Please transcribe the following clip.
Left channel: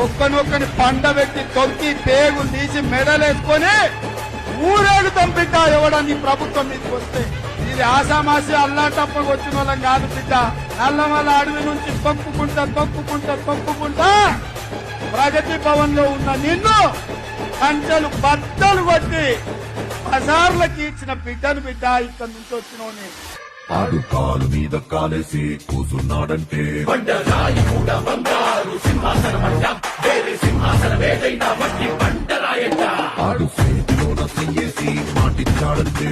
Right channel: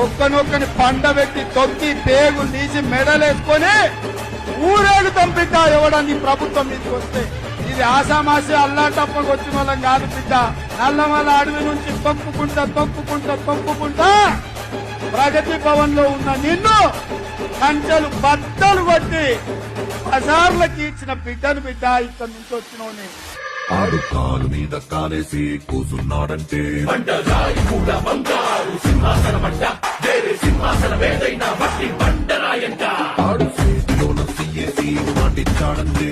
ఒక్కనొక్కని పండబెట్టి తొక్కి పేగులు తీసి మెడలేసుకొని ఊరేగుతాం బిడ్డ. ఎవడని ప్రభుత్వం మీదకి వస్తే ఇది ఆసామాసి అల్లాటప్పకు వచ్చిన వాళ్ళం కాదు బిడ్డ. నల్లమల్ల అడవి నుంచి తొక్కుకుంటా ప్రగతి భవన్ లో ఉన్న నిన్ను కంచెలు బద్దలు కొట్టి బజార్లకి ఇచ్చిన బిడ్డను బిడ్డ. ఇక్కడ నుంచి వచ్చినోని ఆడు కాలు మీద కాలేసి కూసున్నాడంటే ఆడు చేతిలో సీఏసి పాటించాడంటే